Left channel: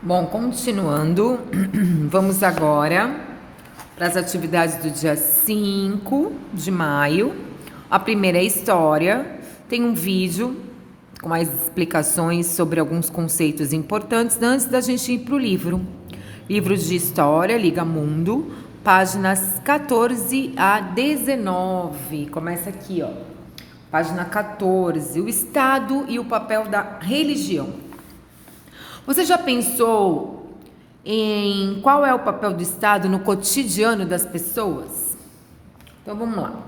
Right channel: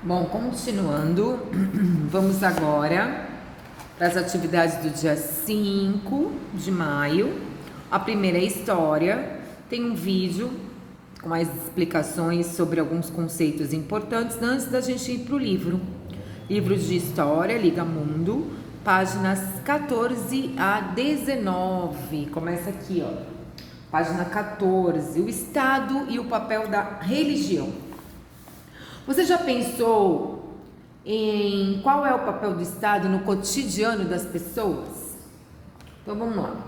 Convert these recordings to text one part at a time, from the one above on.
Bom, continuando, vamos agora para as atividades do dia 5 de maio. A primeira é história, tem um vídeo com mais explicações sobre alguns conceitos importantes antes da gente ir para o livro. Livros de História, Liga Mundo, páginas 14 a 19. Começa aqui, ó. Página 14, o Estado e o papel da religião. Você já pensou em qual é o papel do Estado no cotidiano das pessoas? Então vamos lá.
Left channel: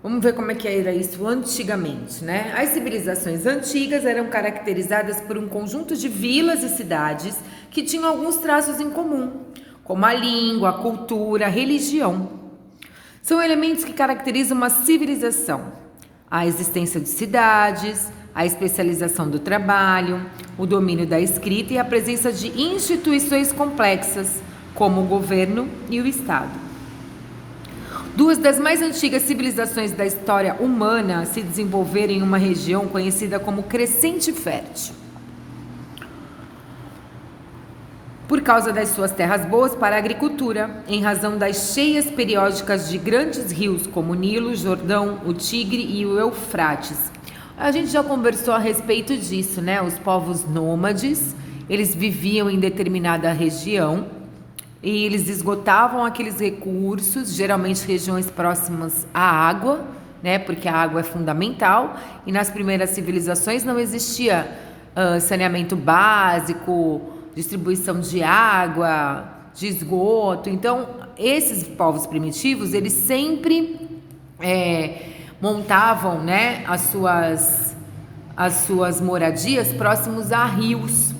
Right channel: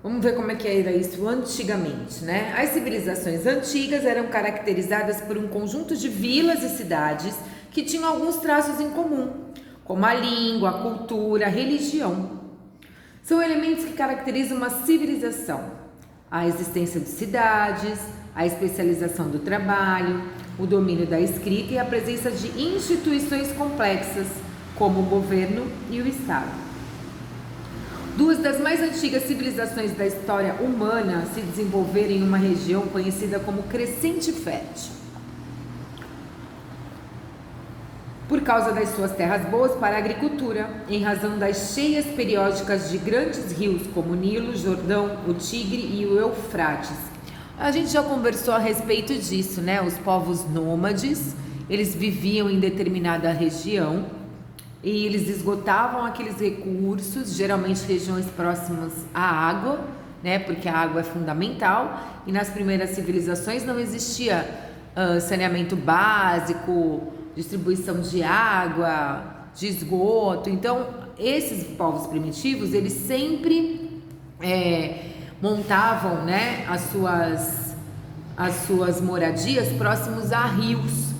Vamos ver como é que era isso antigamente, né? As civilizações antigas eram caracterizadas por um conjunto de vilas e cidades que tinham alguns traços em comum, como a língua, a cultura, a religião. São elementos que caracterizam uma civilização. A existência de cidades, a especialização do trabalho, o domínio da escrita e a presença de instituições complexas, como o governo e o Estado. Duas das mais antigas civilizações da história humana se desenvolveram em uma região conhecida como Crescente Fértil, por causa das suas terras boas para a agricultura, em razão das cheias periódicas de grandes rios como o Nilo, Jordão, o Tigre e o Eufrates. A gente já conversou a respeito disso, né? Os povos nômades, eles viviam em determinada região e eles esgotavam aqueles recursos, geralmente regiões próximas à água, né? Porque a água é fundamental, e nas primeiras civilizações não existia saneamento básico, distribuição de água, de esgoto. Então, esses povos primitivos, eles sempre montavam, né, as suas moradias próximos a rios.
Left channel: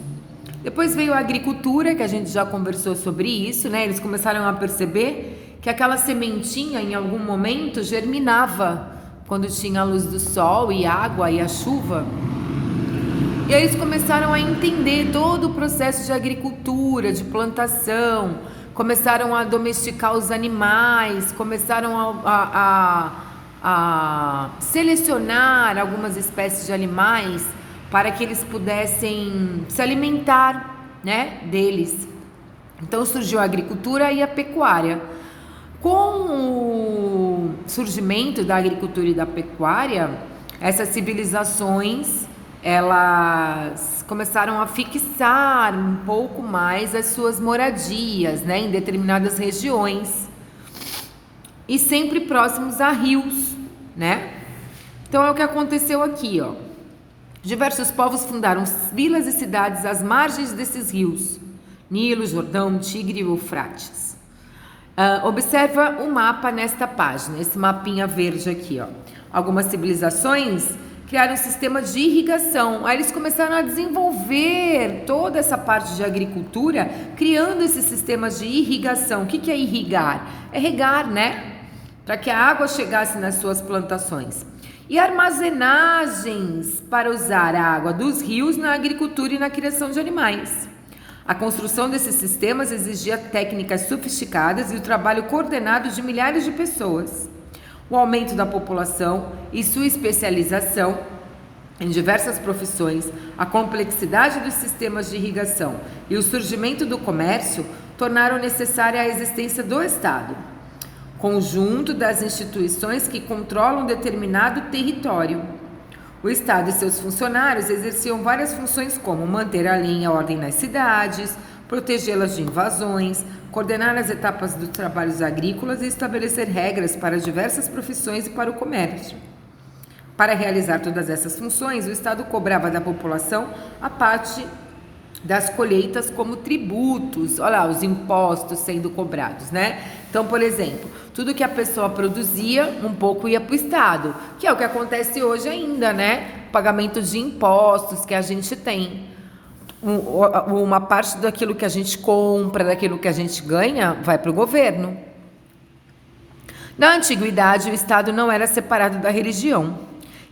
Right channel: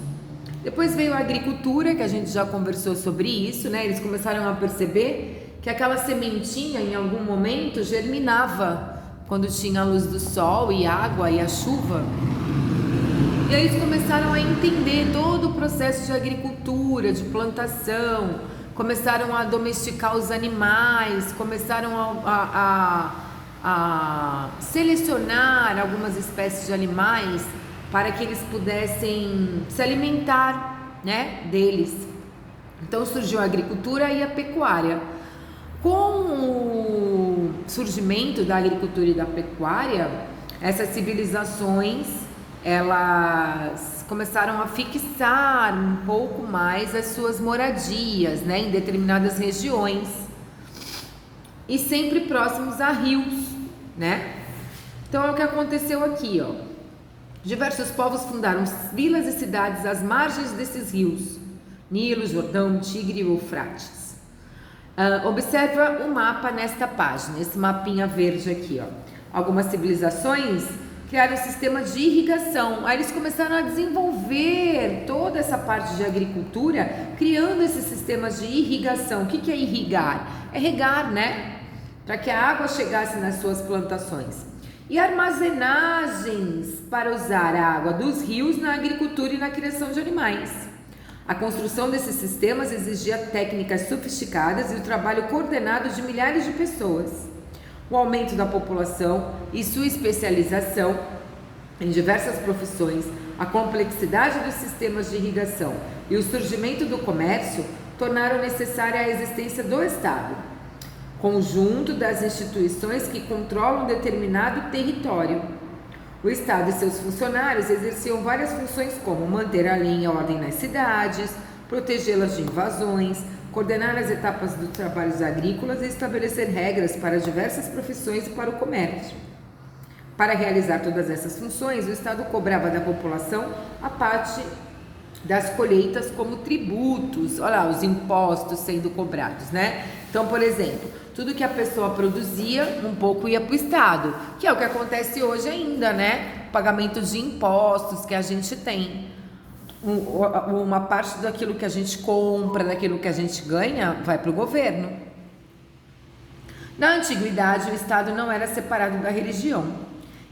Depois veio a agricultura, que a gente já conversou sobre isso, né? Eles começaram a perceber que aquela sementinha em algum momento germinava quando tinha a luz do sol e água e a chuva. E aí eles começaram a entender todo o processo de agricultura, de plantação, começaram a domesticar os animais, começaram a selecionar algumas espécies de animais para que eles pudessem se alimentar, né, deles. Então surgiu a agricultura e a pecuária. Com o surgimento da agricultura e da pecuária, essas civilizações, elas começaram a fixar um pouco mais as suas moradias, né, em determinadas regiões e sempre próximos a rios, né? Então é o que aconteceu aqui, ó. Diversos povos fundaram vilas e cidades às margens desses rios, Nilo, Jordão, Tigre e Eufrates. Observa o mapa nesta página, esse mapinha verde aqui, ó. Algumas civilizações criaram sistemas de irrigação. Aí eles começaram a desenvolver toda essa parte de agricultura, criando esses sistemas de irrigação. O que é irrigar? É regar, né? Para que a água chegasse nas suas plantações. E armazenagens para usar a água dos rios na agricultura e na criação de animais. A construção desses sistemas exigia técnicas sofisticadas e o trabalho coordenado de milhares de pessoas. O aumento da população e sua especialização em diversas profissões, a complexidade dos sistemas de irrigação e o surgimento do comércio tornaram necessária a existência do Estado, conjunto das instituições que controlam determinado território. O Estado e seus funcionários exerciam várias funções, como manter a lei e a ordem nas cidades, protegê-las de invasões, coordenar as etapas dos trabalhos agrícolas e estabelecer regras para diversas profissões e para o comércio. Para realizar todas essas funções, o Estado cobrava da população a parte das colheitas como tributos, olha lá, os impostos sendo cobrados, né? Então, por exemplo, tudo que a pessoa produzia, um pouco ia para o Estado, que é o que acontece hoje ainda, né? O pagamento de impostos que a gente tem. Uma parte daquilo que a gente compra, daquilo que a gente ganha, vai para o governo. Na antiguidade, o Estado não era separado da religião.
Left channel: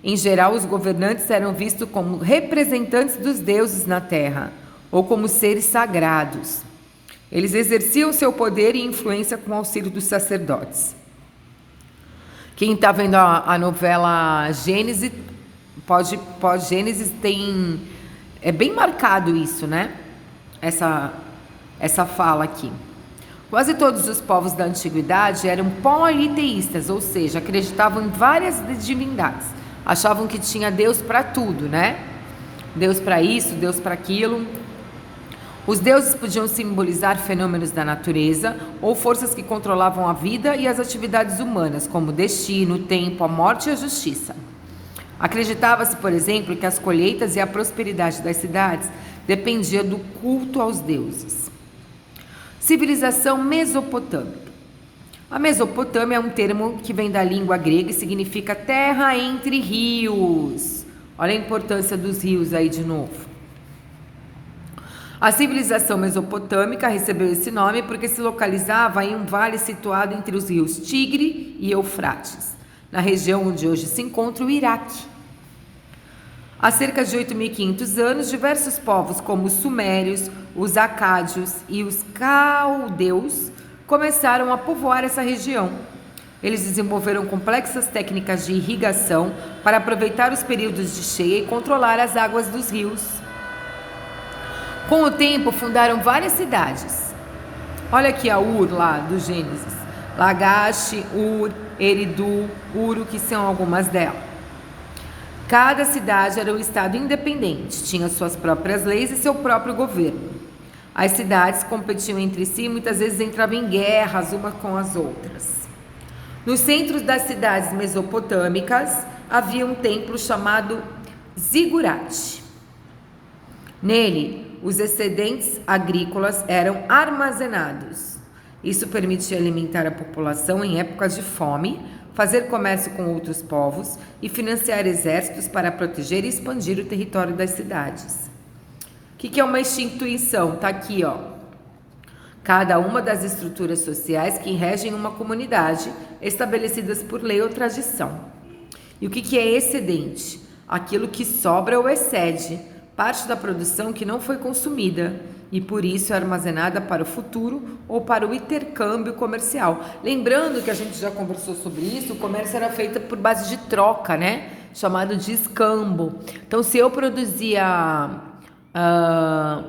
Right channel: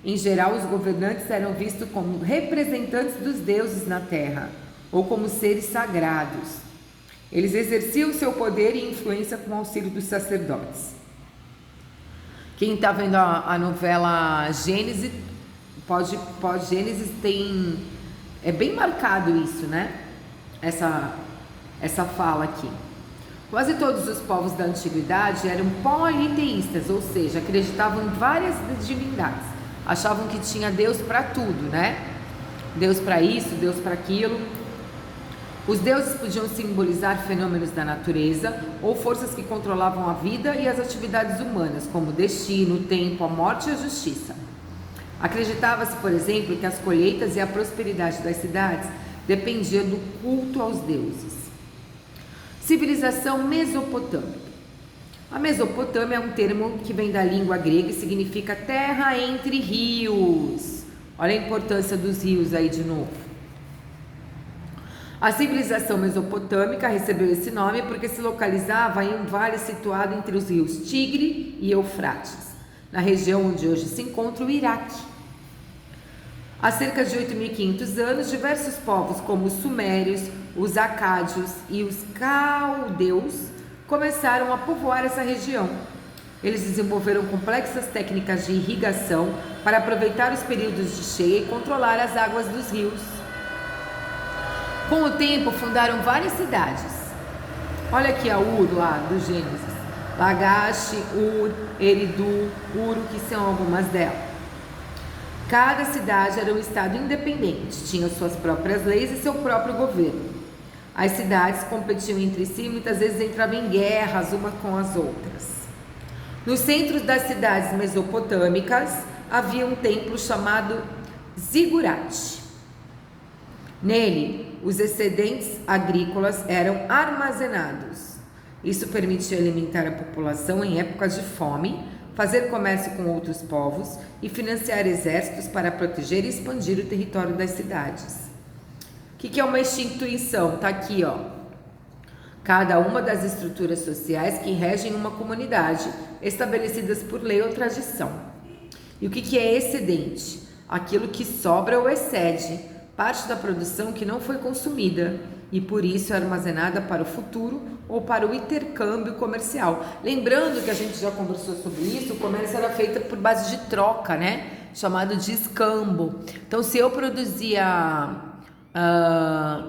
Em geral, os governantes eram vistos como representantes dos deuses na terra, ou como seres sagrados. Eles exerciam seu poder e influência com o auxílio dos sacerdotes. Quem está vendo a novela Gênesis, pós-Gênesis, tem É bem marcado isso, né? Essa fala aqui. Quase todos os povos da antiguidade eram politeístas, ou seja, acreditavam em várias divindades. Achavam que tinha Deus para tudo, né? Deus para isso, Deus para aquilo. Os deuses podiam simbolizar fenômenos da natureza ou forças que controlavam a vida e as atividades humanas, como o destino, o tempo, a morte e a justiça. Acreditava-se, por exemplo, que as colheitas e a prosperidade das cidades dependia do culto aos deuses. Civilização mesopotâmica. A Mesopotâmia é um termo que vem da língua grega e significa terra entre rios. Olha a importância dos rios aí de novo. A civilização mesopotâmica recebeu esse nome porque se localizava em um vale situado entre os rios Tigre e Eufrates, na região onde hoje se encontra o Iraque. Há cerca de 8.500 anos, diversos povos como os sumérios, os acádios e os caldeus começaram a povoar essa região. Eles desenvolveram complexas técnicas de irrigação para aproveitar os períodos de cheia e controlar as águas dos rios. Com o tempo, fundaram várias cidades. Olha aqui a Ur lá do Gênesis. Lagash, Ur, Eridu, Uru, que são algumas delas. Cada cidade era um estado independente, tinha suas próprias leis e seu próprio governo. As cidades competiam entre si e muitas vezes entravam em guerras umas com as outras. Nos centros das cidades mesopotâmicas havia um templo chamado Zigurate. Nele, os excedentes agrícolas eram armazenados. Isso permitia alimentar a população em épocas de fome, fazer comércio com outros povos e financiar exércitos para proteger e expandir o território das cidades. O que é uma instituição? Está aqui, ó. Cada uma das estruturas sociais que regem uma comunidade, estabelecidas por lei ou tradição. E o que é excedente? Aquilo que sobra ou excede, parte da produção que não foi consumida e por isso é armazenada para o futuro ou para o intercâmbio comercial. Lembrando que a gente já conversou sobre isso, o comércio era feito por base de troca, né? Chamado de escambo. Então, se eu produzia,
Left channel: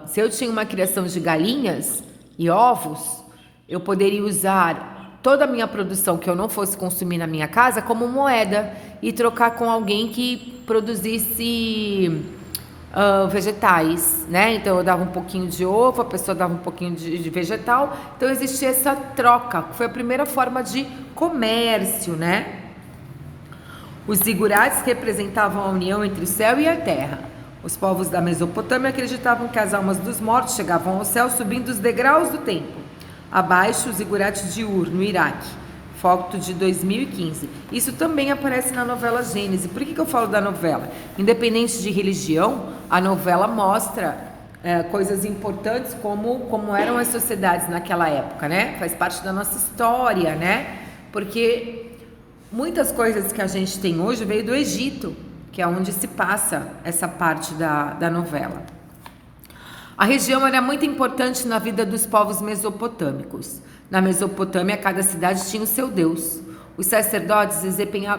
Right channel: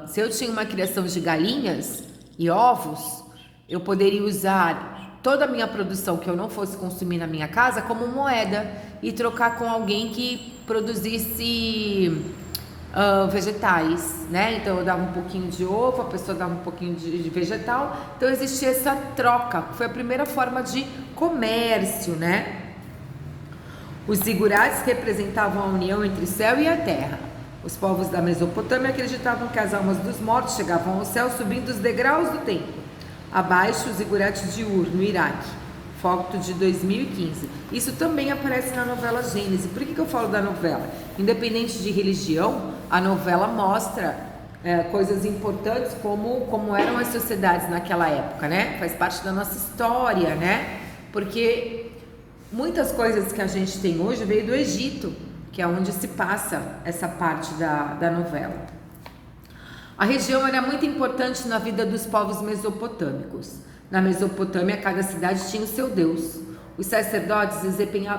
se eu tinha uma criação de galinhas e ovos, eu poderia usar toda a minha produção que eu não fosse consumir na minha casa como moeda e trocar com alguém que produzisse vegetais, né? Então eu dava um pouquinho de ovo, a pessoa dava um pouquinho de vegetal. Então existia essa troca, foi a primeira forma de comércio, né? Os zigurates representavam a união entre o céu e a terra. Os povos da Mesopotâmia acreditavam que as almas dos mortos chegavam ao céu subindo os degraus do templo. Abaixo, o zigurate de Ur, no Iraque, foto de 2015. Isso também aparece na novela Gênesis. Por que eu falo da novela? Independente de religião, a novela mostra coisas importantes como eram as sociedades naquela época, né? Faz parte da nossa história, né? Porque muitas coisas que a gente tem hoje veio do Egito, que é onde se passa essa parte da novela. A região era muito importante na vida dos povos mesopotâmicos. Na Mesopotâmia, cada cidade tinha o seu deus. Os sacerdotes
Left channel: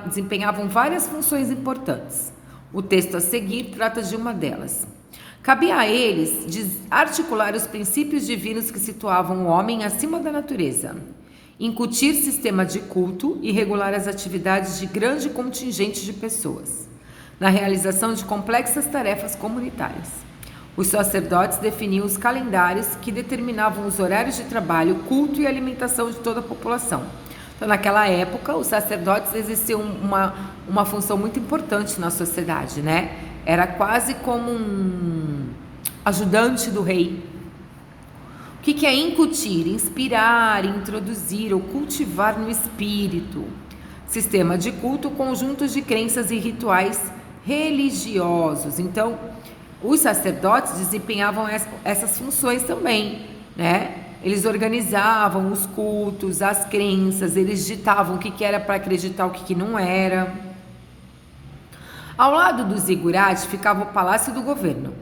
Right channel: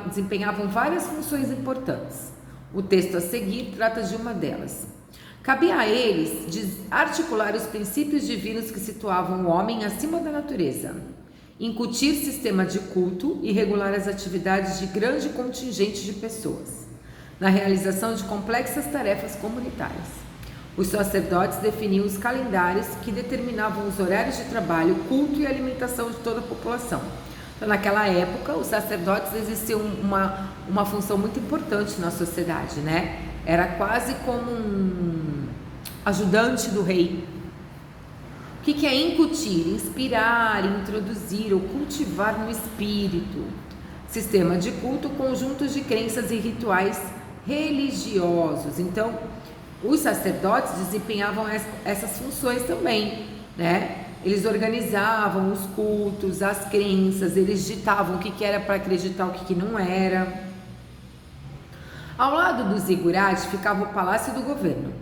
desempenhavam várias funções importantes. O texto a seguir trata de uma delas. Cabia a eles articular os princípios divinos que situavam o homem acima da natureza, incutir sistema de culto e regular as atividades de grande contingente de pessoas, na realização de complexas tarefas comunitárias. Os sacerdotes definiam os calendários que determinavam os horários de trabalho, culto e alimentação de toda a população. Então, naquela época, os sacerdotes exerciam uma função muito importante na sociedade, né? Era quase como um ajudante do rei. O que é incutir? Inspirar, introduzir ou cultivar no espírito. Sistema de culto, conjuntos de crenças e rituais religiosos. Então, os sacerdotes desempenhavam essas funções também, né? Eles organizavam os cultos, as crenças, eles ditavam o que era para acreditar, o que não era. Ao lado do zigurate ficava o palácio do governo.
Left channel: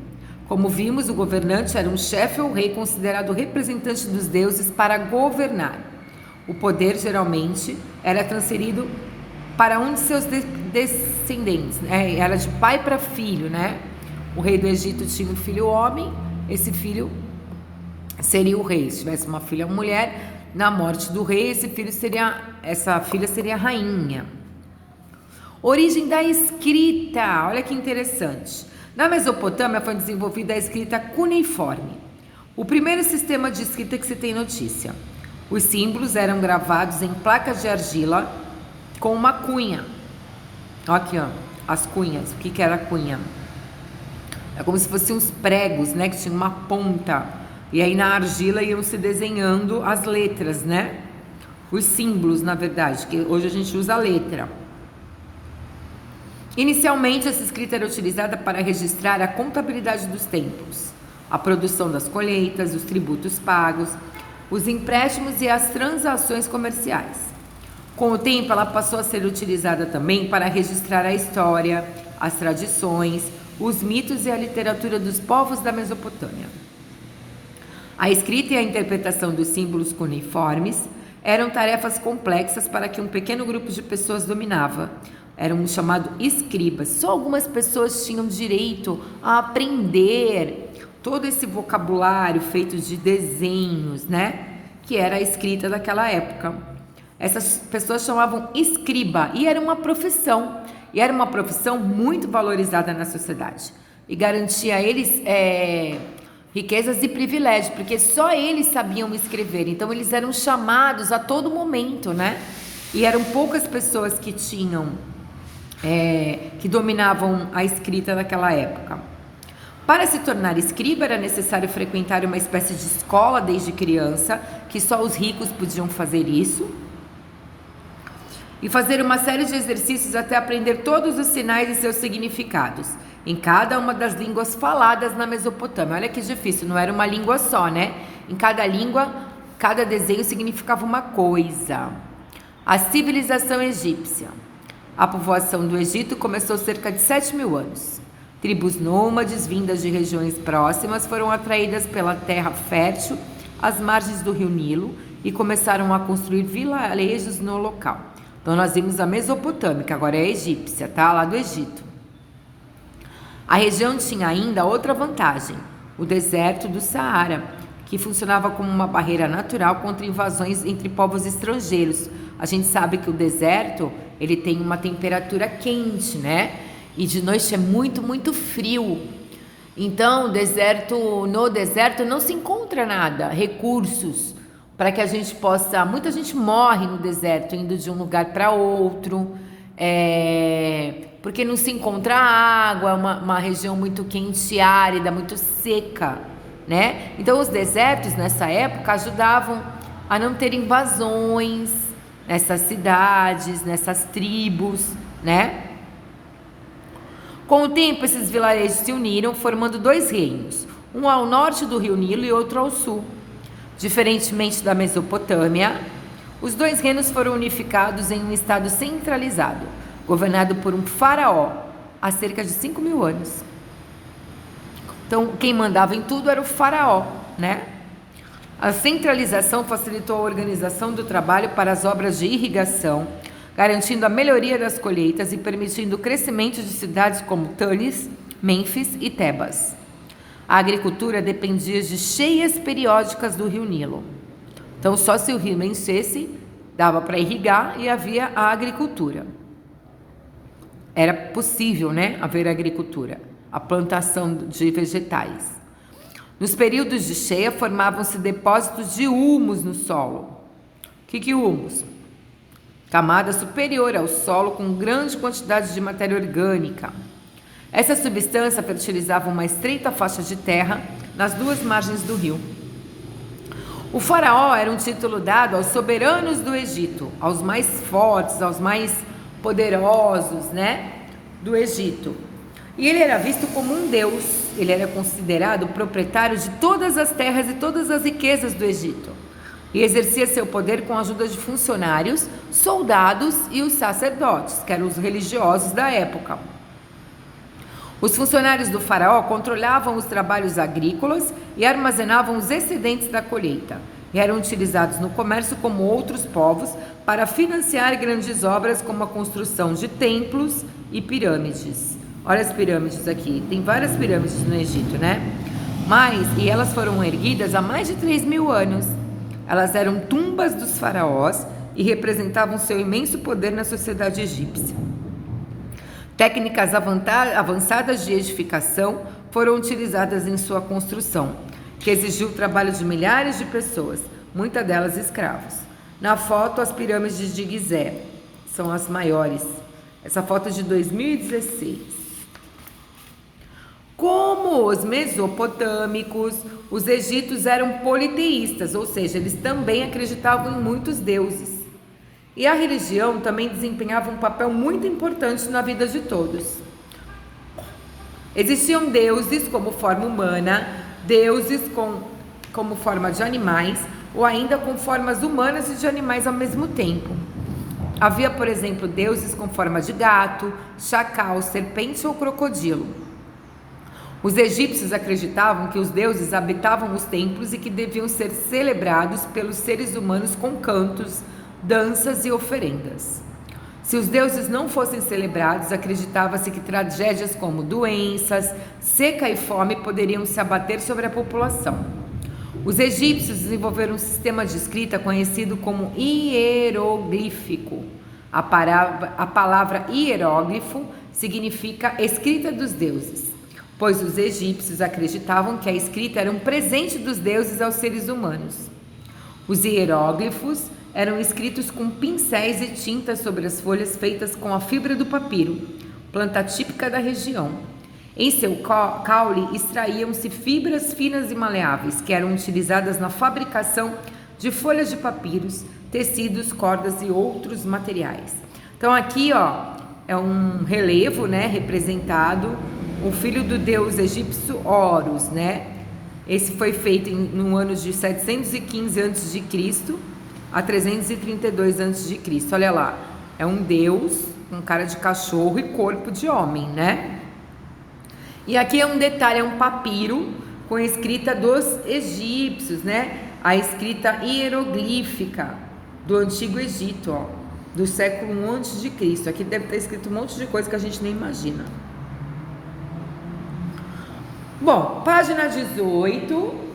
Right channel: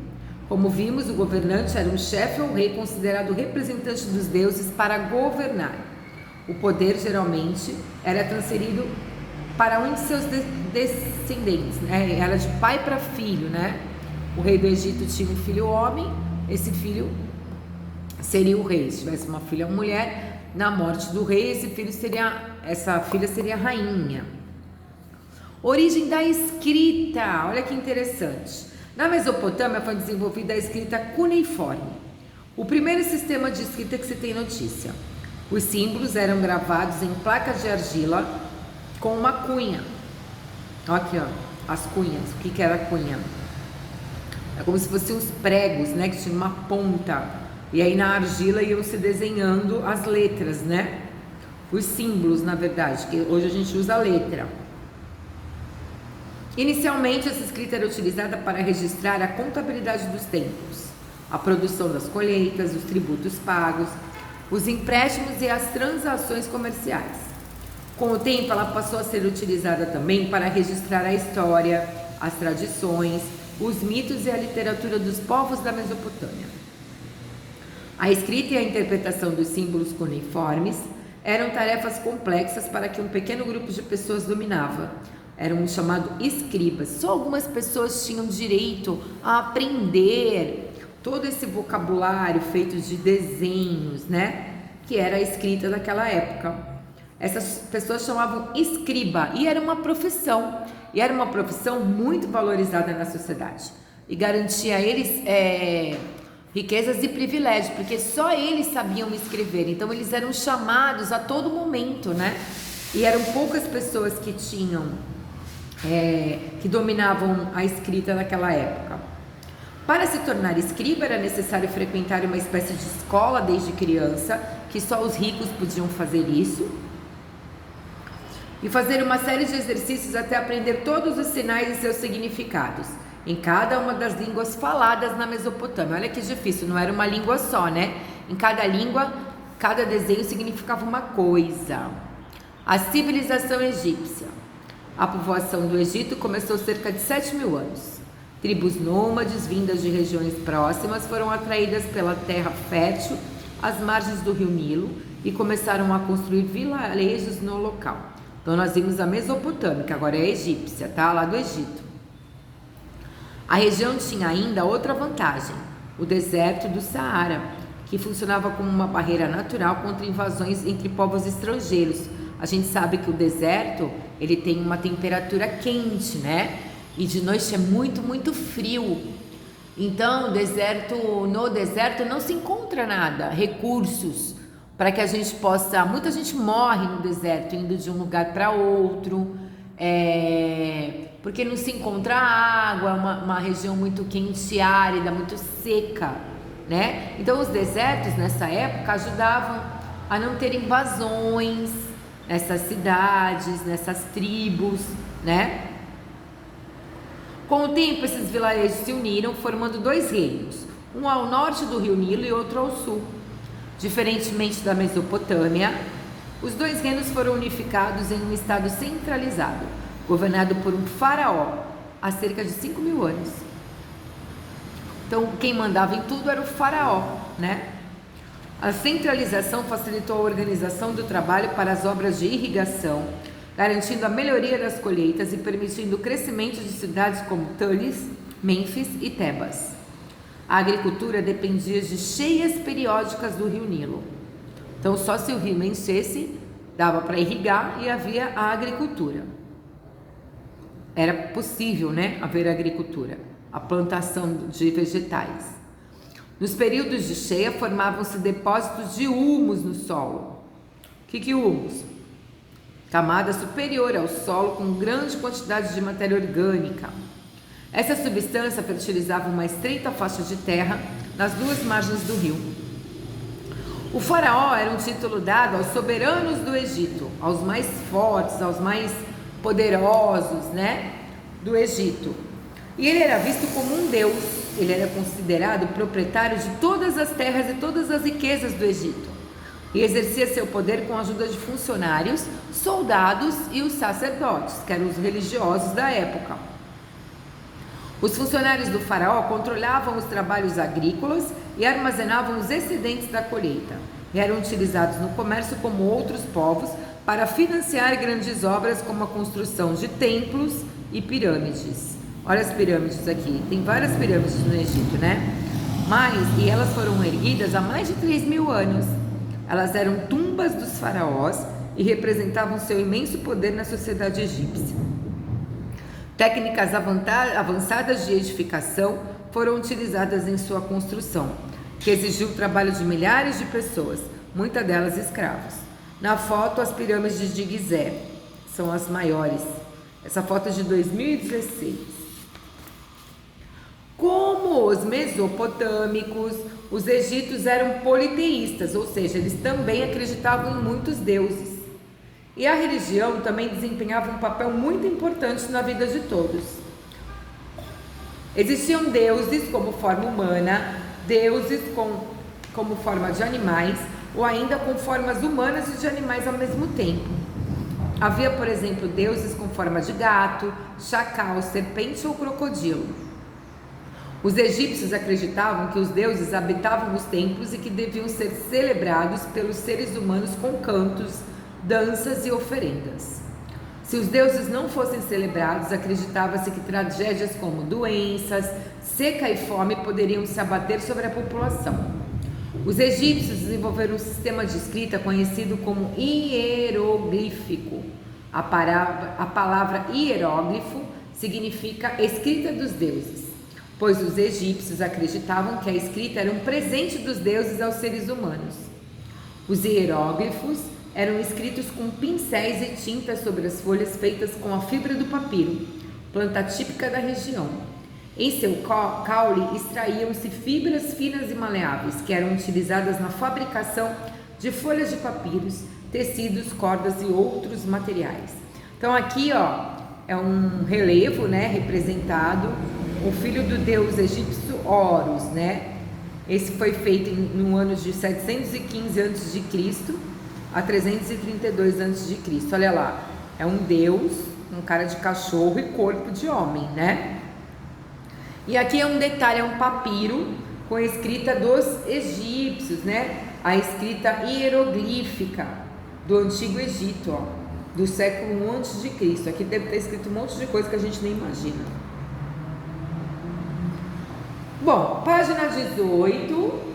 Como vimos, o governante era um chefe ou rei considerado representante dos deuses para governar. O poder geralmente era transferido para um de seus descendentes, né? Era de pai para filho, né? O rei do Egito tinha um filho homem, esse filho seria o rei. Se tivesse uma filha mulher, na morte do rei, essa filha seria a rainha. Origem da escrita, olha que interessante. Na Mesopotâmia foi desenvolvida a escrita cuneiforme, o primeiro sistema de escrita que se tem notícia. Os símbolos eram gravados em placas de argila com uma cunha. Olha aqui, ó, as cunhas. O que era a cunha? É como se fossem uns pregos, né, que tinham uma ponta. E aí na argila iam se desenhando as letras, né? Os símbolos, na verdade, que hoje a gente usa a letra. Inicialmente, essa escrita era utilizada para registrar a contabilidade dos templos, a produção das colheitas, os tributos pagos, os empréstimos e as transações comerciais. Com o tempo, ela passou a ser utilizada também para registrar a história, as tradições, os mitos e a literatura dos povos da Mesopotâmia. A escrita e a interpretação dos símbolos cuneiformes eram tarefas complexas para que um pequeno grupo de pessoas dominava. Era um chamado escribas. Só algumas pessoas tinham direito a aprender todo esse vocabulário feito de desenhos, né? Que era a escrita daquela época. Essas pessoas chamavam escriba e era uma profissão. E era uma profissão muito valorizada na sociedade. E garantia a eles riquezas e privilégios, porque só eles sabiam escrever. Então eles eram chamados a todo momento, né? E eram poucas pessoas que tinham... que dominavam a escrita naquela época. Para se tornar escriba era necessário frequentar uma espécie de escola desde criança, que só os ricos podiam fazer isso, e fazer uma série de exercícios até aprender todos os sinais e seus significados, em cada uma das línguas faladas na Mesopotâmia. Olha que difícil, não era uma língua só, né? Em cada língua, cada desenho significava uma coisa. A civilização egípcia. A povoação do Egito começou cerca de 7.000 anos. Tribos nômades vindas de regiões próximas foram atraídas pela terra fértil às margens do rio Nilo e começaram a construir vilarejos no local. Então nós vimos a Mesopotâmia, que agora é a egípcia, tá? Lá do Egito. A região tinha ainda outra vantagem, o deserto do Saara, que funcionava como uma barreira natural contra invasões entre povos estrangeiros. A gente sabe que o deserto, ele tem uma temperatura quente, né? E de noite é muito, muito frio. Então, no deserto não se encontra nada, recursos, para que a gente possa... Muita gente morre no deserto, indo de um lugar para outro, porque não se encontra água, uma região muito quente e árida, muito seca, né? Então, os desertos, nessa época, ajudavam a não ter invasões nessas cidades, nessas tribos, né? Com o tempo, esses vilarejos se uniram, formando 2 reinos, um ao norte do rio Nilo e outro ao sul. Diferentemente da Mesopotâmia, os 2 reinos foram unificados em um estado centralizado, governado por um faraó, há cerca de 5.000 anos. Então, quem mandava em tudo era o faraó, né? A centralização facilitou a organização do trabalho para as obras de irrigação, garantindo a melhoria das colheitas e permitindo o crescimento de cidades como Tanis, Mênfis e Tebas. A agricultura dependia de cheias periódicas do rio Nilo. Então, só se o rio enchesse, dava para irrigar e havia a agricultura. Era possível, né, haver agricultura, a plantação de vegetais. Nos períodos de cheia, formavam-se depósitos de humus no solo. O que é humus? Camada superior ao solo com grande quantidade de matéria orgânica. Essa substância fertilizava uma estreita faixa de terra nas 2 margens do rio. O faraó era um título dado aos soberanos do Egito, aos mais fortes, aos mais poderosos, né, do Egito. E ele era visto como um deus, ele era considerado proprietário de todas as terras e todas as riquezas do Egito. E exercia seu poder com a ajuda de funcionários, soldados e os sacerdotes, que eram os religiosos da época. Os funcionários do faraó controlavam os trabalhos agrícolas e armazenavam os excedentes da colheita, e eram utilizados no comércio como outros povos para financiar grandes obras como a construção de templos e pirâmides. Olha as pirâmides aqui. Tem várias pirâmides no Egito, né? E elas foram erguidas há mais de 3.000 anos. Elas eram tumbas dos faraós e representavam seu imenso poder na sociedade egípcia. Técnicas avançadas de edificação foram utilizadas em sua construção, que exigiu o trabalho de milhares de pessoas, muitas delas escravos. Na foto, as pirâmides de Gizé são as maiores. Essa foto é de 2016. Como os mesopotâmicos, os egípcios eram politeístas, ou seja, eles também acreditavam em muitos deuses. E a religião também desempenhava um papel muito importante na vida de todos. Existiam deuses como forma humana, deuses como forma de animais, ou ainda com formas humanas e de animais ao mesmo tempo. Havia, por exemplo, deuses com forma de gato, chacal, serpente ou crocodilo. Os egípcios acreditavam que os deuses habitavam os templos e que deviam ser celebrados pelos seres humanos com cantos, danças e oferendas. Se os deuses não fossem celebrados, acreditava-se que tragédias como doenças, seca e fome poderiam se abater sobre a população. Os egípcios desenvolveram um sistema de escrita conhecido como hieroglífico. A palavra hieróglifo significa escrita dos deuses, pois os egípcios acreditavam que a escrita era um presente dos deuses aos seres humanos. Os hieróglifos eram escritos com pincéis e tintas sobre as folhas feitas com a fibra do papiro, planta típica da região. Em seu caule extraíam-se fibras finas e maleáveis, que eram utilizadas na fabricação de folhas de papiros, tecidos, cordas e outros materiais. Então aqui, é um relevo, né, representado o filho do deus egípcio Horus, né? Esse foi feito no ano de 715 a.C. a 332 a.C. Olha lá, é um deus com cara de cachorro e corpo de homem, né? E aqui é um detalhe, é um papiro com a escrita dos egípcios, né? A escrita hieroglífica do Antigo Egito, do século I a.C. Aqui deve ter escrito um monte de coisa que a gente nem imagina. Bom, página 18.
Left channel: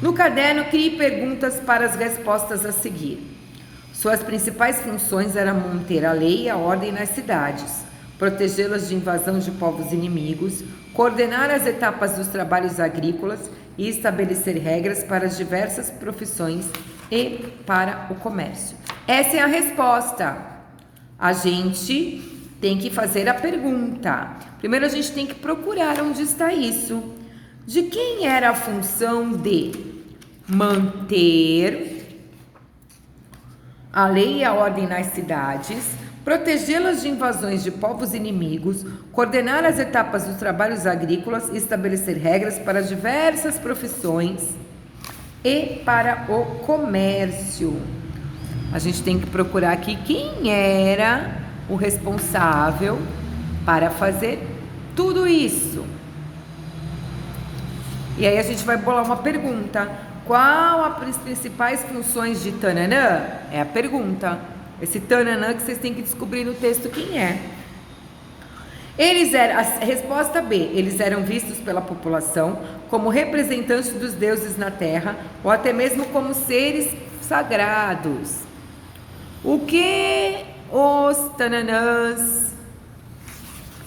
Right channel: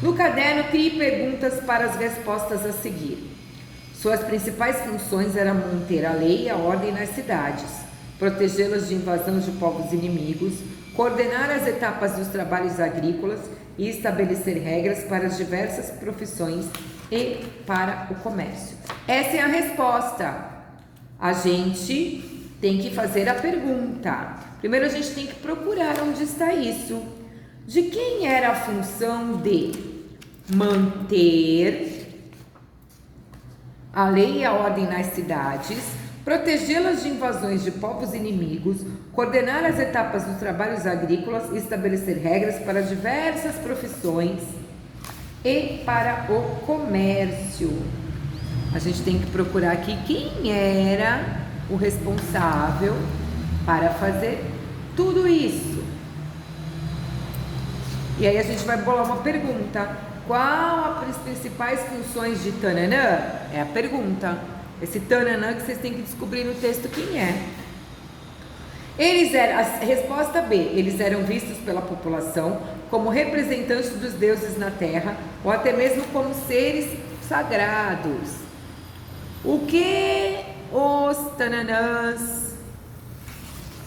No caderno, crie perguntas para as respostas a seguir. Suas principais funções eram manter a lei e a ordem nas cidades, protegê-las de invasão de povos inimigos, coordenar as etapas dos trabalhos agrícolas e estabelecer regras para as diversas profissões e para o comércio. Essa é a resposta. A gente tem que fazer a pergunta. Primeiro a gente tem que procurar onde está isso. De quem era a função de manter a lei e a ordem nas cidades, protegê-las de invasões de povos inimigos, coordenar as etapas dos trabalhos agrícolas e estabelecer regras para diversas profissões e para o comércio. A gente tem que procurar aqui quem era o responsável para fazer tudo isso. E aí a gente vai bolar uma pergunta. Qual as principais funções de Tananã? É a pergunta. Esse Tananã que vocês têm que descobrir no texto quem é. A resposta B, eles eram vistos pela população como representantes dos deuses na terra, ou até mesmo como seres sagrados. O que os Tananãs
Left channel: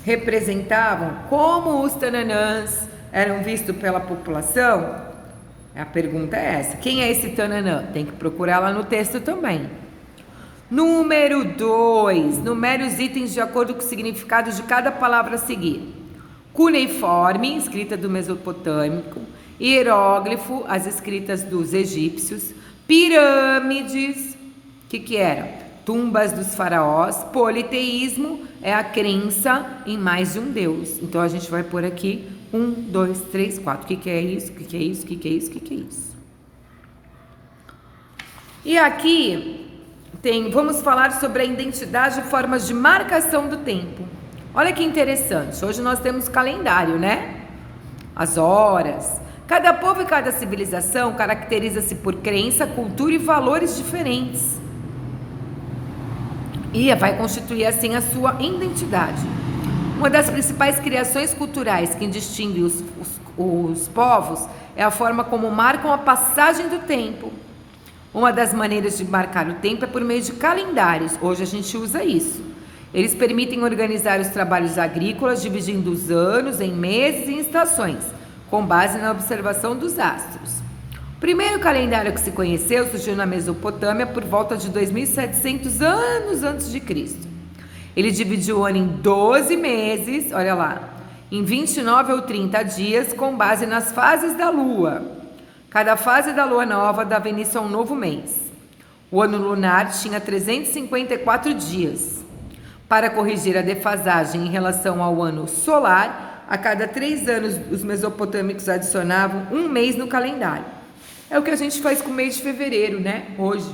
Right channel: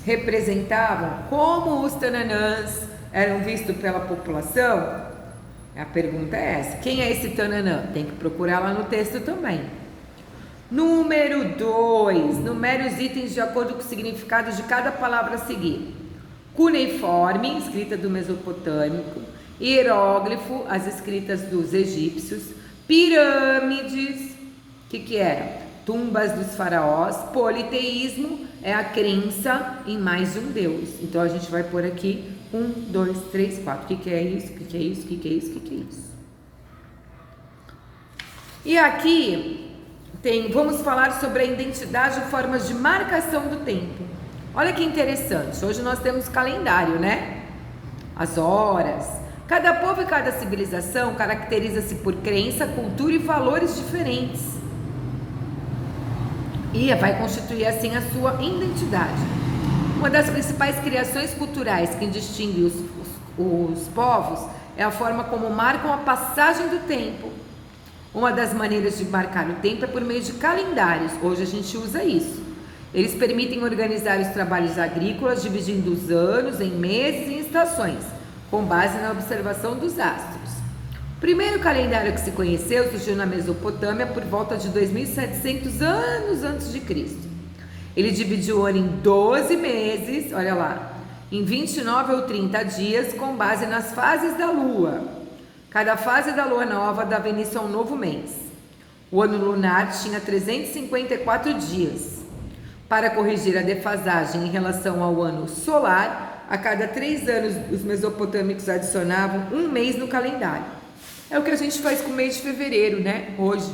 representavam? Como os Tananãs eram vistos pela população? A pergunta é essa. Quem é esse Tananã? Tem que procurar lá no texto também. Número 2. Numere os itens de acordo com o significado de cada palavra a seguir. Cuneiforme, escrita do Mesopotâmico. Hieróglifo, as escritas dos egípcios. Pirâmides, o que era? Tumbas dos faraós. Politeísmo é a crença em mais de um deus. Então a gente vai pôr aqui 1, 2, 3, 4. O que é isso? O que é isso? O que é isso? O que é isso? E aqui vamos falar sobre a identidade e formas de marcação do tempo. Olha que interessante. Hoje nós temos calendário, né? As horas. Cada povo e cada civilização caracteriza-se por crença, cultura e valores diferentes. E vai constituir assim a sua identidade. Um Uma das principais criações culturais que distingue os povos é a forma como marcam a passagem do tempo. Uma das maneiras de marcar o tempo é por meio de calendários. Hoje a gente usa isso. Eles permitem organizar os trabalhos agrícolas, dividindo os anos em meses e estações, com base na observação dos astros. O primeiro calendário que se conheceu surgiu na Mesopotâmia por volta de 2.700 anos antes de Cristo. Ele dividiu o ano em 12 meses, olha lá, em 29 ou 30 dias, com base nas fases da Lua. Cada fase da Lua nova dava início a um novo mês. O ano lunar tinha 354 dias. Para corrigir a defasagem em relação ao ano solar, a cada 3 anos os mesopotâmicos adicionavam um mês no calendário. É o que a gente faz com o mês de fevereiro, né? Hoje.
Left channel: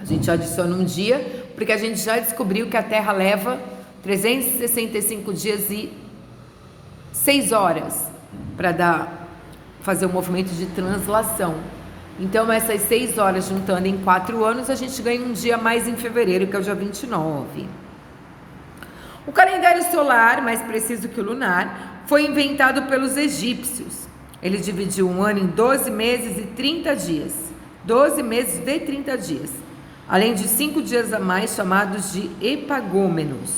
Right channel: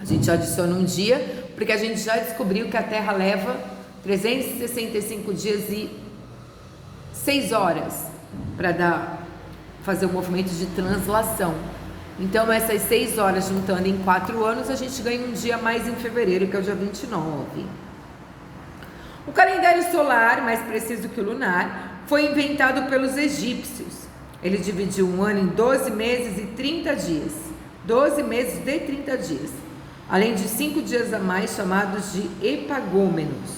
A gente adiciona um dia, porque a gente já descobriu que a Terra leva 365 dias e 6 horas para fazer o movimento de translação. Então, essas 6 horas juntando em 4 anos, a gente ganha um dia mais em fevereiro, que é o dia 29. O calendário solar, mais preciso que o lunar, foi inventado pelos egípcios. Ele dividiu um ano em 12 meses e 30 dias. 12 meses de 30 dias. Além de 5 dias a mais, chamados de epagômenos.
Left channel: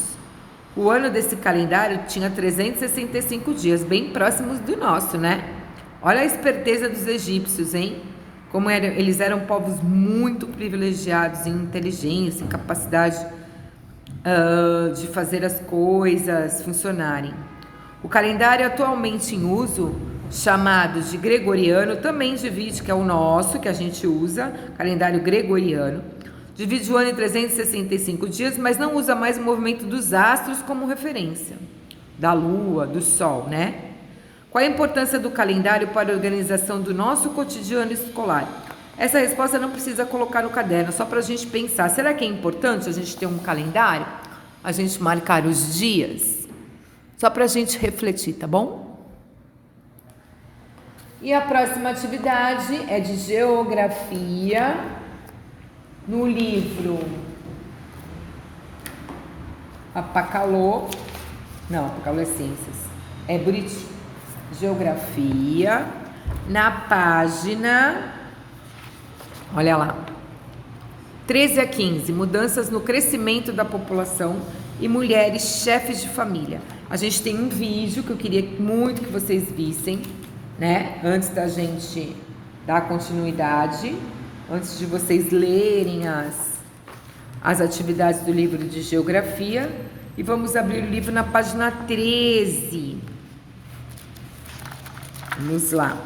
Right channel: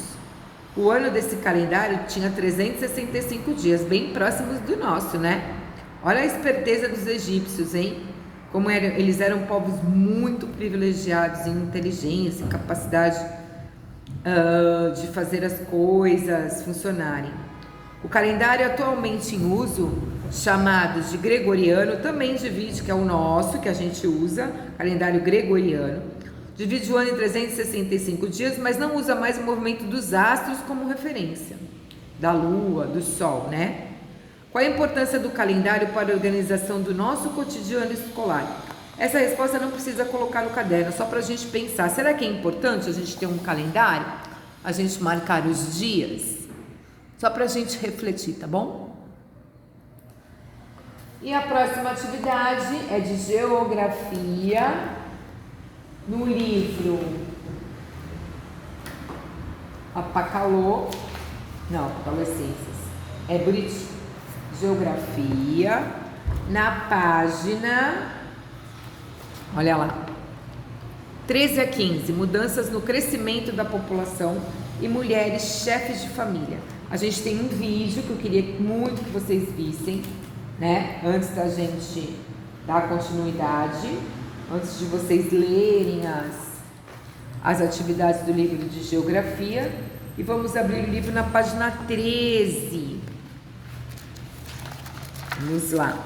O ano desse calendário tinha 365 dias, bem próximos do nosso, né? Olha a esperteza dos egípcios, hein? Como eles eram povos muito privilegiados em inteligência, em capacidade de fazer as coisas funcionarem. O calendário atualmente em uso, chamado de gregoriano, também divide, que é o nosso, que a gente usa, calendário gregoriano, divide o ano em 365 dias, mas não usa mais o movimento dos astros como referência, da lua, do sol, né? Qual a importância do calendário para a organização do nosso cotidiano escolar? Essa resposta não precisa colocar no caderno, só para a gente pensar. Será que é importante a gente ter um calendário? A gente marcar os dias? Só para a gente refletir, tá bom? E a próxima atividade é de geografia, no livro Apacalô. Não, Apacalô é ciências. É Buriti. Geografia, na página, olha lá, 13 a 15, mudanças no crescimento da população e mulheres chefes de família. A gente tem um vídeo que eu queria muito que vocês vissem, né? Antes da gente dar continuidade, antes de vocês lerem as atividades do livro de geografia. E vamos abrir o livro na página 13. Vamos lá.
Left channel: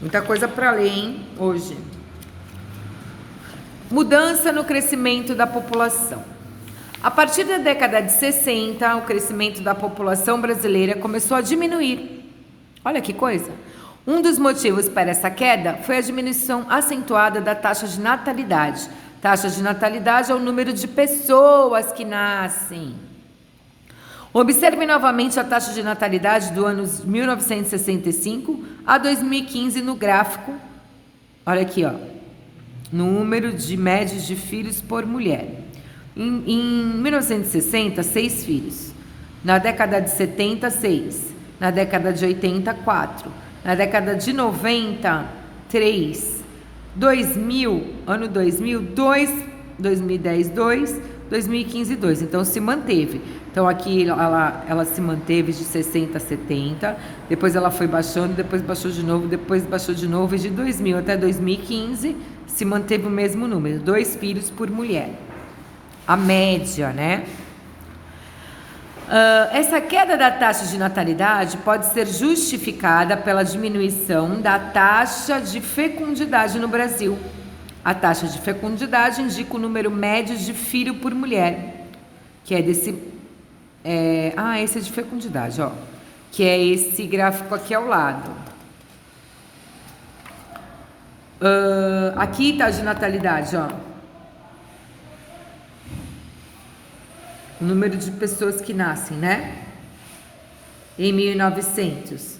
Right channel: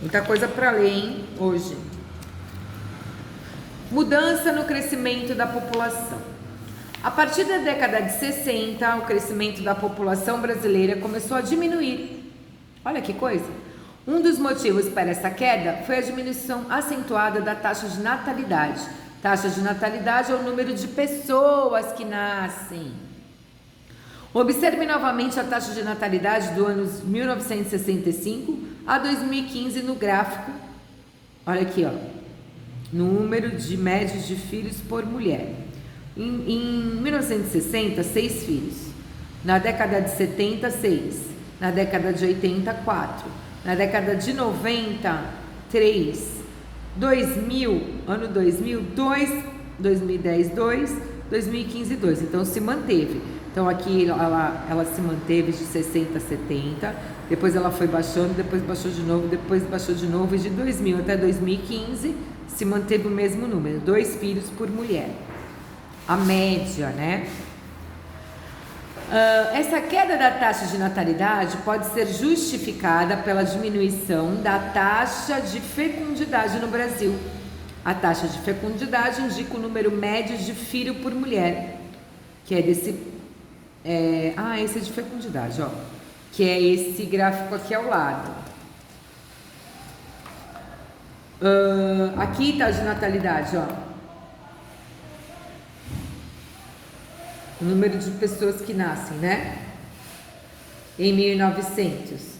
Muita coisa para ler, hein, hoje. Mudança no crescimento da população. A partir da década de 60, o crescimento da população brasileira começou a diminuir. Olha que coisa. Um dos motivos para essa queda foi a diminuição acentuada da taxa de natalidade. Taxa de natalidade é o número de pessoas que nascem. Observe novamente a taxa de natalidade do ano 1965 a 2015 no gráfico. Olha aqui, ó. Número de médios de filhos por mulher. Em 1960, 6 filhos. Na década de 70, 6. Na década de 80, 4. Na década de 90, 3. 2000, ano 2000, 2. 2010, 2. 2015, 2. Então, se manteve. Então, aqui ela se manteve de 60 a 70. Depois ela foi baixando, depois baixou de novo, depois baixou de novo. E de 2000 até 2015, se manteve o mesmo número. 2 filhos por mulher. A média, né? Essa queda da taxa de natalidade pode ser justificada pela diminuição da taxa de fecundidade no Brasil. A taxa de fecundidade indica o número médio de filho por mulher, que é desse... esse é de fecundidade, ó. Que é esse gráfico aqui ao lado. Aqui tá de natalidade, ó. O número de pessoas que nascem, né? Em 1900,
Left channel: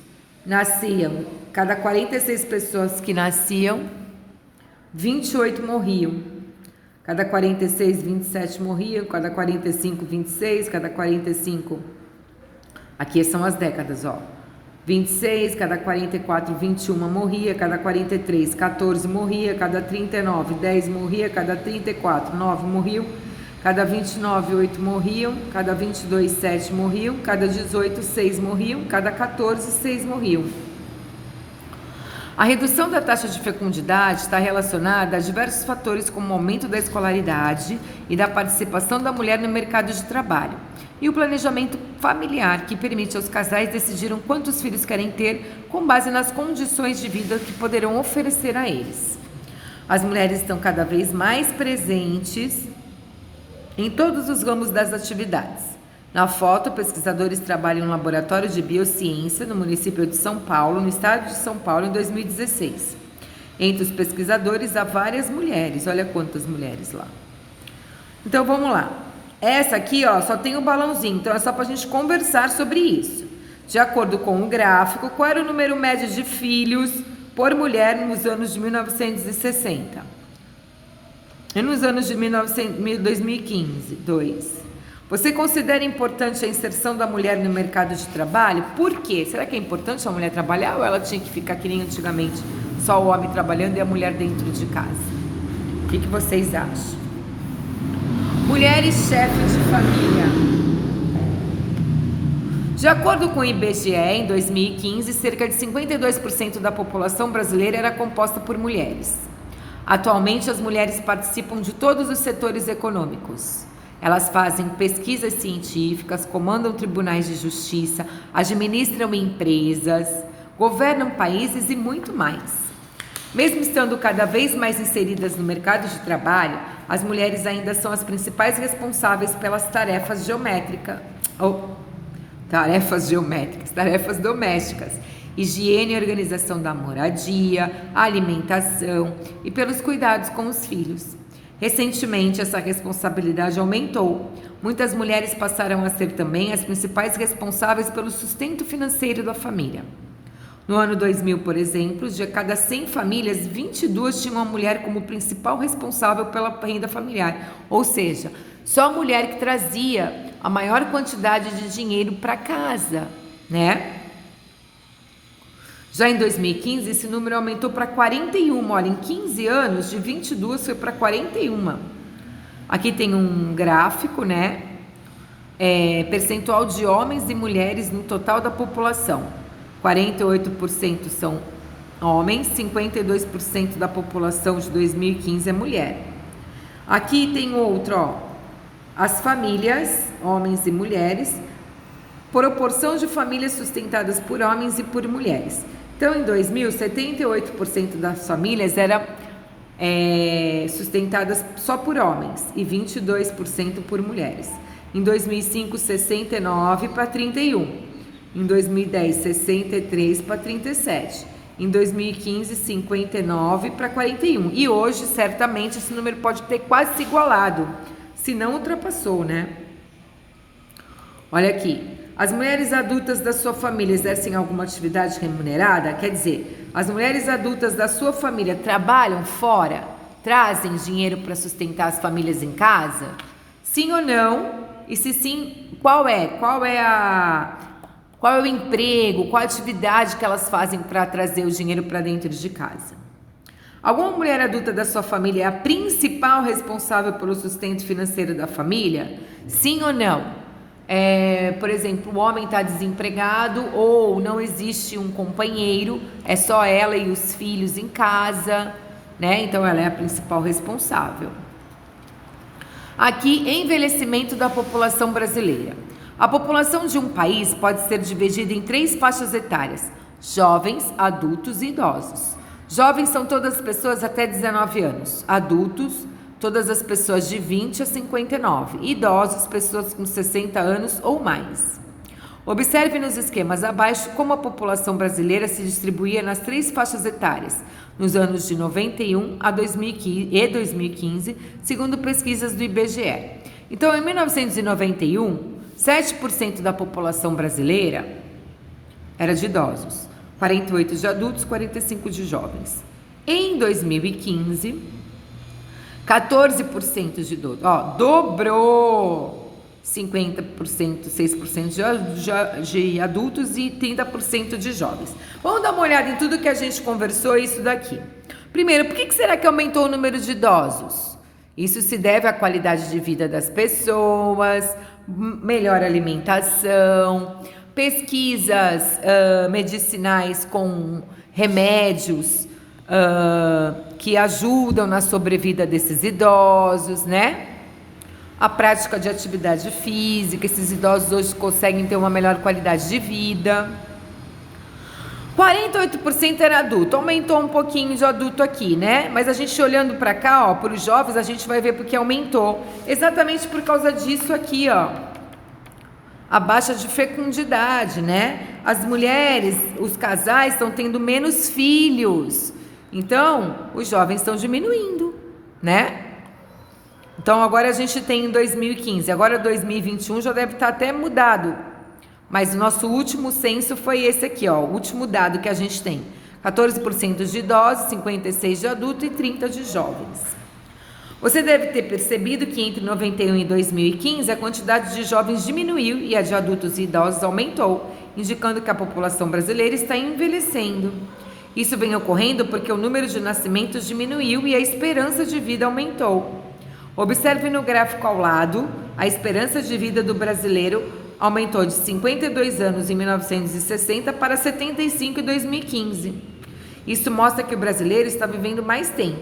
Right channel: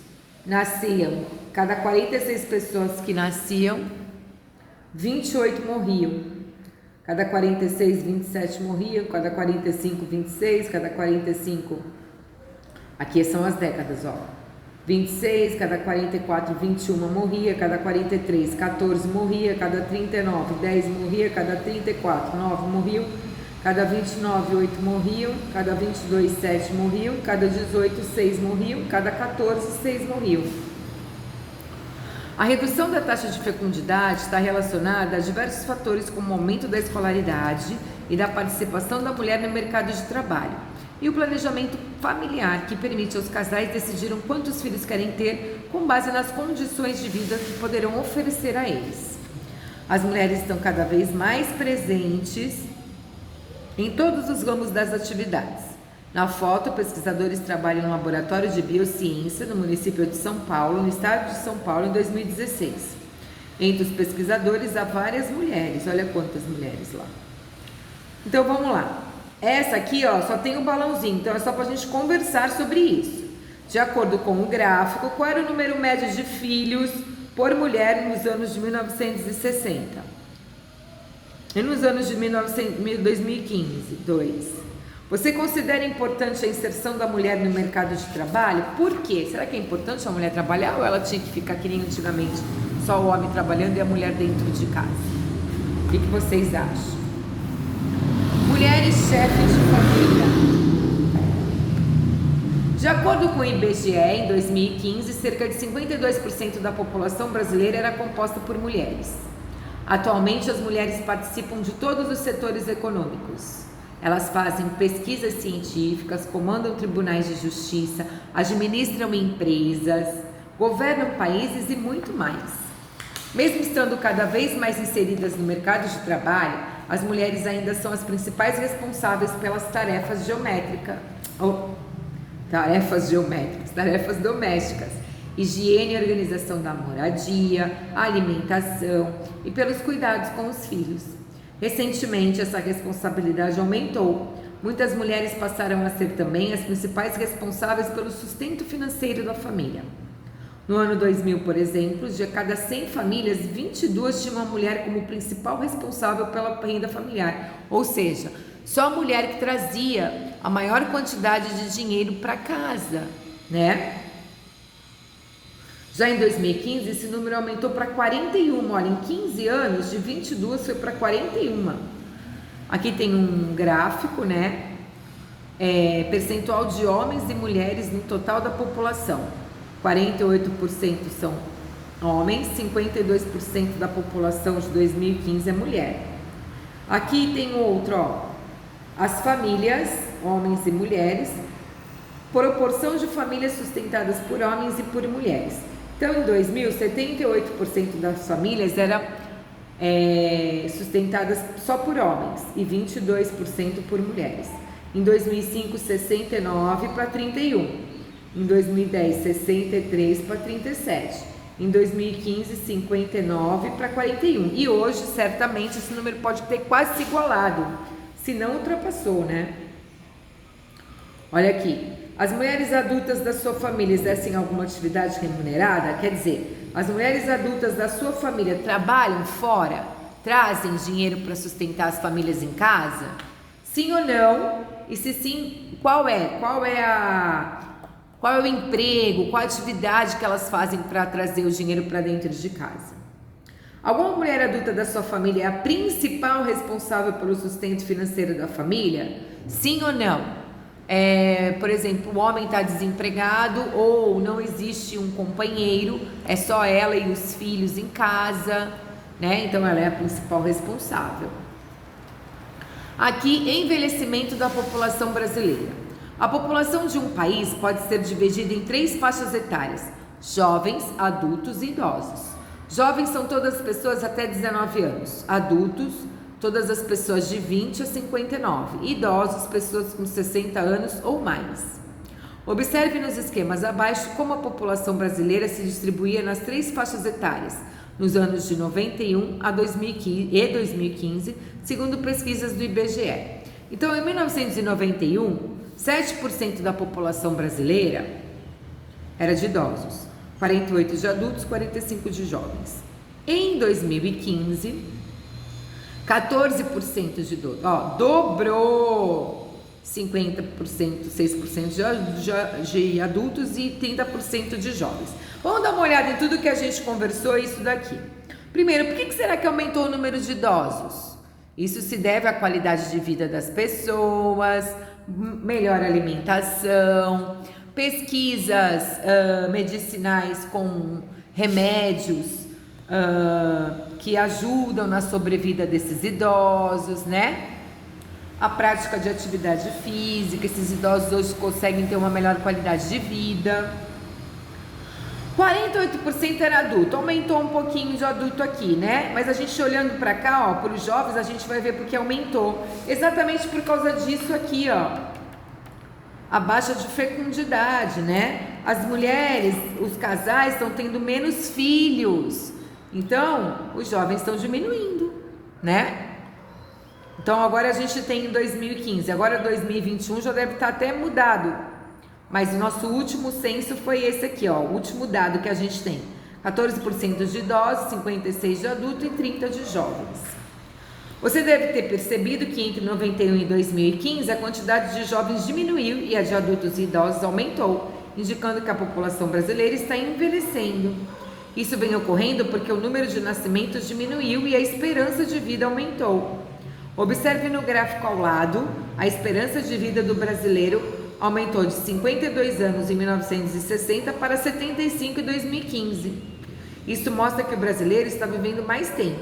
nasciam, cada 46 pessoas que nasciam, 28 morriam. Cada 46, 27 morriam, cada 45, 26, cada 45, aqui são as décadas, ó. 26, cada 44, 21 morria, cada 43, 14 morria, cada 39, 10 morria, cada 34, 9 morriam, cada 29, 8 morriam, cada 22, 7 morriam, cada 18, 6 morriam, cada 14, 6 morriam. A redução da taxa de fecundidade está relacionada a diversos fatores como o aumento da escolaridade e da participação da mulher no mercado de trabalho e o planejamento familiar, que permite aos casais decidirem quantos filhos querem ter com base nas condições de vida que poderão oferecer a eles. As mulheres estão cada vez mais presentes em todos os ramos das atividades. Na foto, pesquisadores trabalham em um laboratório de biociência no município de São Paulo, no estado de São Paulo, em 2016. Entre os pesquisadores há várias mulheres, olha quantas mulheres lá. Então vamos lá. Essa aqui, ó, só tem o balãozinho, então é só para a gente conversar sobre isso. De acordo com o gráfico, qual era o número médio de filhos por mulher nos anos de 1960? E nos anos de 2015, 2. Você considera importante a inserção da mulher no mercado de trabalho? Por quê? Será que é importante a mulher trabalhar ou ela tinha que ficar que nem antigamente, só o homem trabalhando e a mulher dentro de casa? O que vocês acham? Mulheres chefes de família. De acordo com o IBGE, em 2015, cerca de 52% da população brasileira era composta por mulheres. Atualmente, as mulheres participam de todos os setores econômicos. Elas fazem pesquisas científicas, comandam tribunais de justiça, administram empresas, governam países e muito mais. Mesmo estando cada vez mais inseridas no mercado de trabalho, as mulheres ainda são as principais responsáveis pelas tarefas domésticas, higiene e organização da moradia, alimentação e pelos cuidados com os filhos. Recentemente, essa responsabilidade aumentou. Muitas mulheres passaram a ser também as principais responsáveis pelo sustento financeiro da família. No ano 2000, por exemplo, de cada 100 famílias, 22 tinham a mulher como principal responsável pela renda familiar. Ou seja, só a mulher que trazia a maior quantidade de dinheiro para casa, né? Já em 2015, esse número aumentou para 41. Olha, em 15 anos, de 22 foi para 41. Aqui tem um gráfico, né? Percentual de homens e mulheres no total da população. 48% são homens, 52% da população de 2015 é mulher. Aqui tem outro, ó. As famílias, homens e mulheres, proporção de famílias sustentadas por homens e por mulheres. Então, em 2000, 78% das famílias eram sustentadas só por homens e 22% por mulheres. Em 2005, 69 para 31. Em 2010, 63 para 37. Em 2015, 59 para 41. E hoje, certamente, esse número pode ter quase se igualado, se não ultrapassou, né? Olha aqui. As mulheres adultas da sua família exercem alguma atividade remunerada? Quer dizer, as mulheres adultas da sua família trabalham fora? Trazem dinheiro para sustentar as famílias em casa? Sim ou não? E se sim, qual é o emprego, qual a atividade que elas fazem para trazer o dinheiro para dentro de casa? Alguma mulher adulta da sua família é a principal responsável pelo sustento financeiro da família? Sim ou não? Por exemplo, o homem está desempregado ou não existe um companheiro, é só ela e os filhos em casa, né? Então ela é a principal responsável. Aqui, envelhecimento da população brasileira. A população de um país pode ser dividida em 3 faixas etárias: jovens, adultos e idosos. Jovens são todas as pessoas até 19 anos. Adultos, todas as pessoas de 20 a 59. Idosos, pessoas com 60 anos ou mais. Observe nos esquemas abaixo como a população brasileira se distribuía nas 3 faixas etárias, nos anos de 91 a 2015, segundo pesquisas do IBGE. Então, em 1991, 7% da população brasileira era de idosos, 48% de adultos, 45% de jovens. Em 2015, 14% de idosos. Ó, dobrou 50%, 6% de adultos e 30% de jovens. Vamos dar uma olhada em tudo que a gente conversou, isso daqui. Primeiro, por que será que aumentou o número de idosos? Isso se deve à qualidade de vida das pessoas, melhor alimentação, pesquisas medicinais com remédios que ajudam na sobrevida desses idosos, né? A prática de atividade física, esses idosos hoje conseguem ter uma melhor qualidade de vida. 48% era adulto, aumentou um pouquinho de adulto aqui, né? Mas a gente olhando para cá, ó, para os jovens, a gente vai ver porque aumentou. Exatamente por causa disso aqui, ó. A baixa de fecundidade, né? As mulheres, os casais estão tendo menos filhos. Então, os jovens estão diminuindo, né? Então, agora a gente tem em 2015, agora 2021 já deve estar até mudado. Mas o nosso último censo foi esse aqui, ó, o último dado que a gente tem. 14% de idosos, 56% de adultos e 30% de jovens. Você deve ter percebido que entre 91 e 2015 a quantidade de jovens diminuiu e a de adultos e idosos aumentou, indicando que a população brasileira está envelhecendo. Isso vem ocorrendo porque o número de nascimentos diminuiu e a esperança de vida aumentou. Observe no gráfico ao lado, a esperança de vida do brasileiro aumentou de 52 anos em 1960 para 75 em 2015. Isso mostra que o brasileiro está vivendo mais tempo.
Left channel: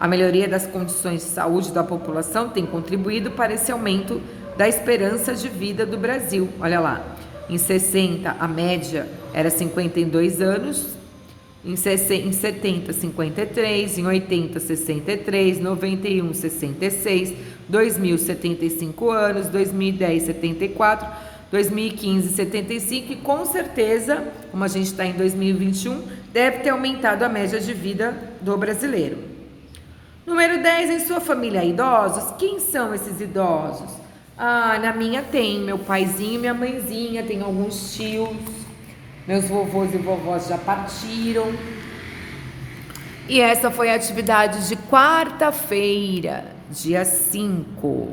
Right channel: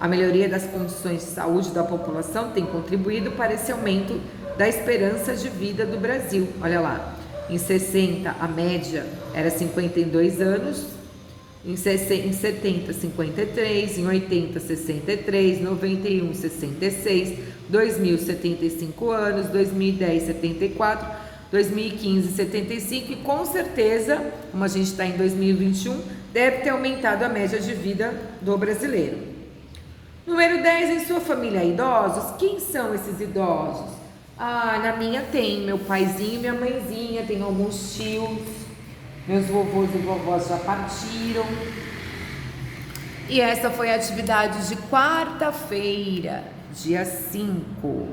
A melhoria das condições de saúde da população tem contribuído para esse aumento da esperança de vida do Brasil. Olha lá, em 60 a média era 52 anos, em 70, 53, em 80, 63, 91, 66, 2000, 75 anos, 2010, 74, 2015, 75 e com certeza, como a gente está em 2021, deve ter aumentado a média de vida do brasileiro. Número 10, em sua família há idosos? Quem são esses idosos? Ah, na minha tem meu paizinho e minha mãezinha, tem alguns tios. Meus vovôs e vovós já partiram. E essa foi a atividade de quarta-feira, dia 5.